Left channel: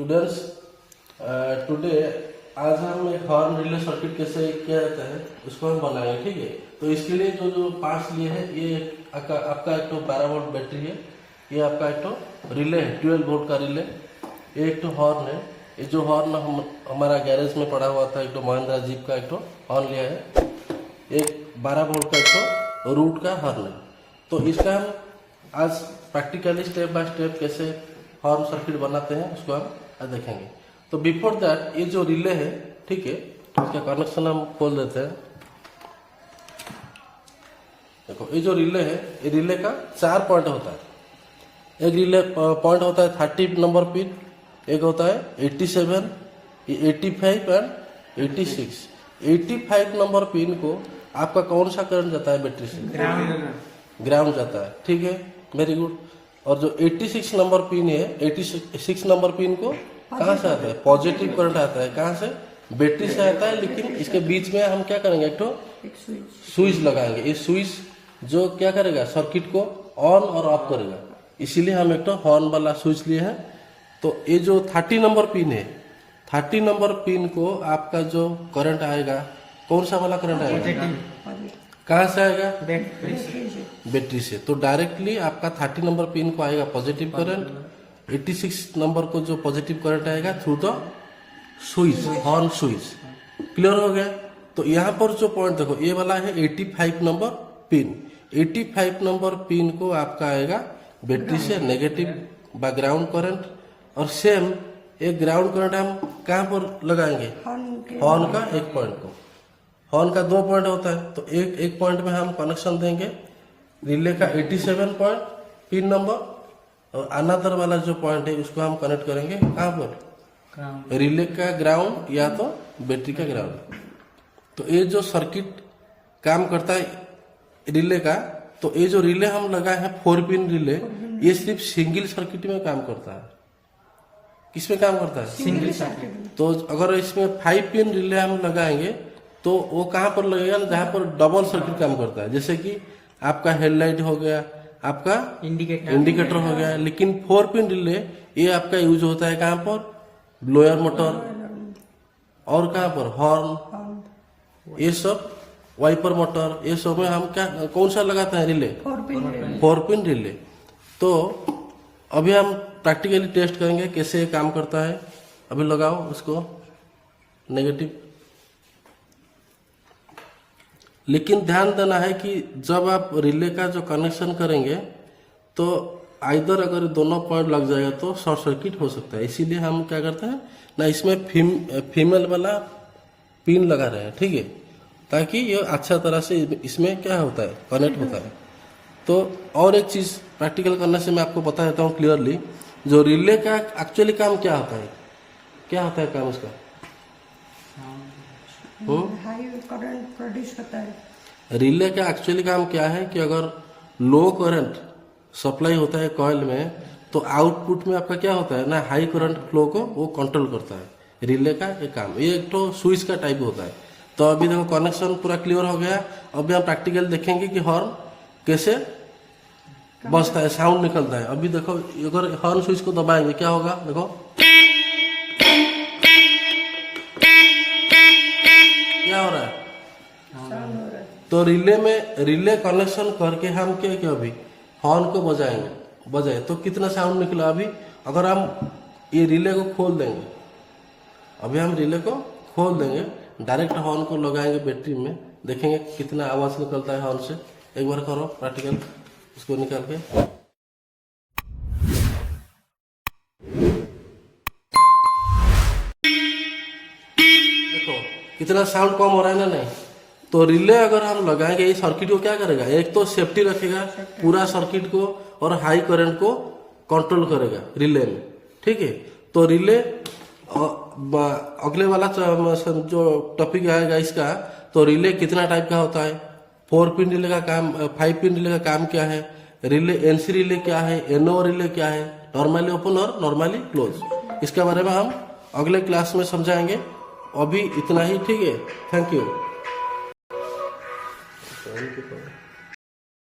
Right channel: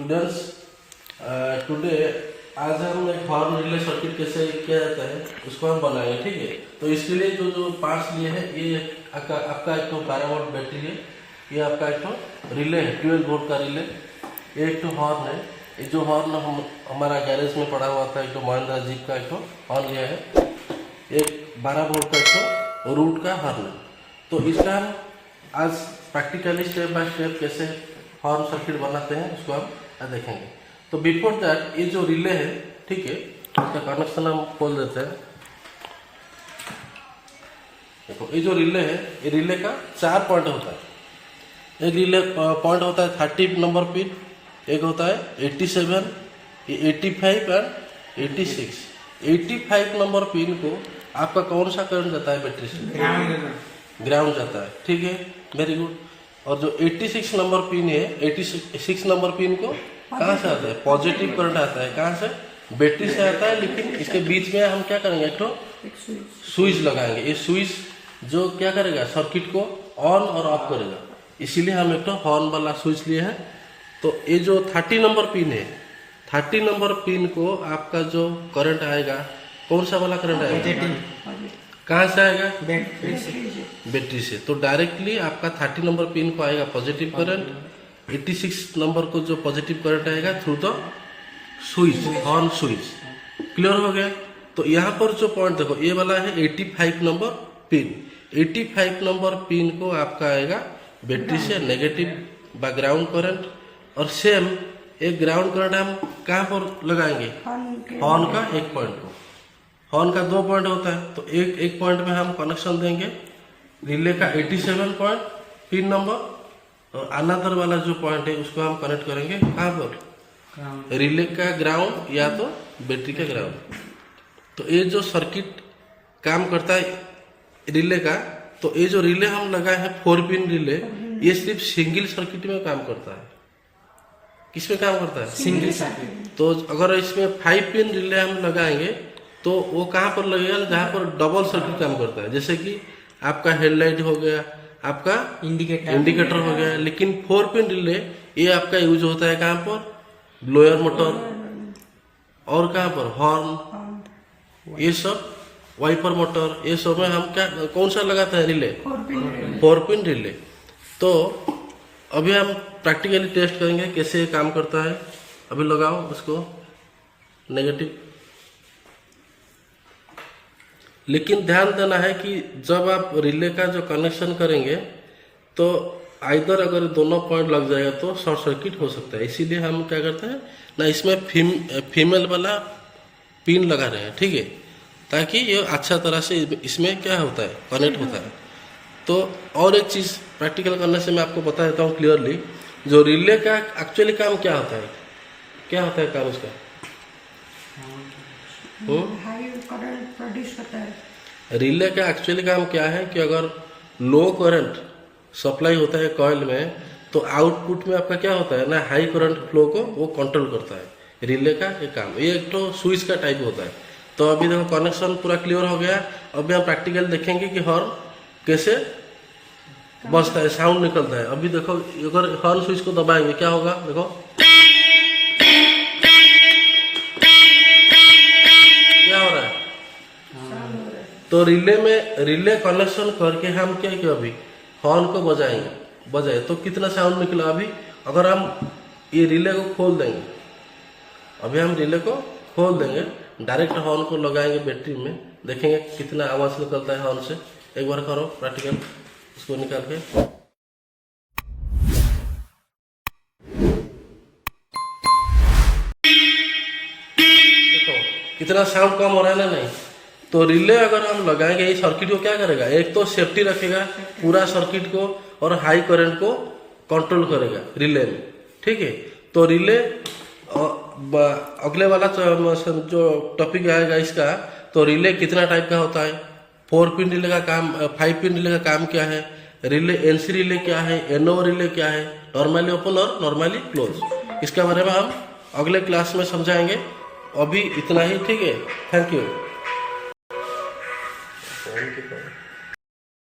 Students, today आज हम एक हॉर्न रिले सर्किट कैसे किया जाता है उसको हम बनाएंगे, ठीक है। तो इसके लिए जो पार्ट्स लिए हैं, ये आपका एक तो 12 वोल्ट बैटरी है, ये आपका एक तो रिले है 12 वोल्ट का रिले, ये एक तो हॉर्न है। ये जो हॉर्न हमारा गैरेज में पड़ा हुआ था, एक तो महिंद्रा जीप का एक तो हॉर्न लिया है, एक 12 वोल्ट का एक तो रूट का हॉर्न। तो इसका हम आज प्रैक्टिकली स्टेप बाय स्टेप कैसे हॉर्न सर्किट बनाते हैं उसको हम देखेंगे। तो बिफोर दैट ये जो रिले है, ठीक है, इसका कनेक्शन हम खोल देते हैं। देखो ये जो रिले है, ये रिले का 4 पॉइंट होता है। एक रिले पॉइंट होता है 30 नंबर पिन, एक होता है 87, ये 85 और 86। 85 नंबर पिन को आपका कौन सा करंट जाता है बैटरी से? ग्राउंड जाता है, ठीक है, वेरी गुड। और जो 86 नंबर पिन है, 86 नंबर पिन को कहाँ से आता है? पॉजिटिव करंट आता है। कहाँ से? बैटरी से आता है। लेकिन इसके बीच में हम क्या करेंगे? एक तो स्विच लगाएंगे। ये स्विच जो क्या करेगा? सर्किट को ऑन और ऑफ करेगा। इसीलिए हम एक तो हॉर्न वाला स्विच लिए हैं। तो ये जो 30 नंबर पिन है, 30 नंबर पिन को आपका जो करंट आएगा, कौन सा वाला करंट आएगा? कहाँ से आएगा? बैटरी से। तो डायरेक्टली आपका 30 नंबर पिन को आएगा पॉजिटिव करंट, 86 नंबर को जो पॉजिटिव करंट आएगा through the switch, horn switch. Clear हो गया? तो यहाँ पर जो पॉइंट देखो, ये वाला है 85 नंबर पिन। 85 नंबर पिन को आपका आएगा बैटरी से नेगेटिव बैकग्राउंड करंट, और सेम एक ग्राउंड करंट हम कहाँ पर लगाएंगे? हॉर्न का एक पॉइंट को। हॉर्न का 2 पॉइंट होता है, तो एक पॉइंट में हम कनेक्शन देंगे रिले का 87 पॉइंट पिन नंबर, और अनदर वाला जो पॉइंट है उसको हम कनेक्ट करेंगे कहाँ पर? रिले का ग्राउंड या तो बैटरी का ग्राउंड। तो ये जो सर्किट काम करता है रिले का, तो ये जो रिले हम लगाए हैं 4 पिन रिले, ये सिर्फ सिंगल सर्किट में काम करता है। किसमें काम करता है? Single circuit. तो अगर इसमें 5 पिन रिले हम लगाएंगे तो वो कहाँ पर लगेगा? जहाँ पर डबल सर्किट काम करता है। जैसे कि आपका हेडलाइट हो गया, आपका इंडिकेटर हो गया। लेकिन 4 पिन रिले ये आपका यूज होता है कहाँ पर? ब्लोअर मोटर, और कहाँ पर? हॉर्न, ये सब वाइपर मोटर, ये सब में हम क्या कौन सा लगाता है? Relay 4 pin relay. तो अभी हम प्रैक्टिकली टेस्ट करेंगे कैसे काम करता है। अभी लगाओ उसको नेगेटिव। लेकिन ध्यान देना है कि जब आप रिले का जो कनेक्शन करेंगे तो आइदर अगर दोनों पॉइंट लग जाएगा तो शॉर्ट सर्किट हो सकता है। इसीलिए हम क्या करते हैं ना, इसमें फीमेल वाला पिन लगा रहे हैं, ठीक है, ताकि ये अच्छा तरह से इसमें क्या होता है? कनेक्ट होता है। तो और एक चीज़ प्रैक्टिकल करने से मैं आपको बता देता हूँ क्लियरली, जो रिले का एक्चुअली काम क्या होता है? क्या होता है काम उसका? हाई करंट प्रोड्यूस करता है। रिले का एक्चुअली काम क्या है कि अगर लो करंट सप्लाई होता है कॉइल में, तो आउटपुट में आपका क्या होता है ना, हाई करंट फ्लो को वो कंट्रोल करता है। रिले का ये काम, ये एक तो स्विच का टाइप होता है। तो अभी देखो कनेक्शन पूरा क्लियर हो गया। अभी हम प्रैक्टिकल देखेंगे कि हॉर्न कैसे बजता है, साउंड निकलता है। अभी देखो अगर हॉर्न स्विच को दबाएंगे क्या होगा? देखो क्या हो रहा है? तो रिले में रिले कनेक्शन करके हम क्या किया? अभी हॉर्न को बजाए तो कितना साउंड निकला? अभी अगर हम ये रिले को खोल देंगे, अभी हम रिले को खोल देंगे, डायरेक्ट हॉर्न को लगाएंगे बैटरी में, देखेंगे कितना आवाज निकलता है हॉर्न से। एक बार करो प्रैक्टिकल, इसको निकाल के। देखो कितना साउंड कम हो रहा है ना? नहीं। तो रिले अगर हम लगाएंगे, ये सर्किट को क्या करेगा? एक तो सेफ्टी रखेगा पूरा सर्किट को, और हाई करंट को कंट्रोल करेगा रिले में, ठीक है। तो रिले अगले वाला जो टॉपिक आएगा इसका, तो रिले कितना टाइप का होता है? 4 पिन रिले का काम, 5 पिन रिले का काम क्या है? रिले एनसी रिले क्या है? एनओ रिले क्या है? नॉर्मली ओपन और नॉर्मली क्लोज। इसके बारे में हम अगले क्लास में समझाएंगे। अभी इतना ही, ठीक है। Thank you.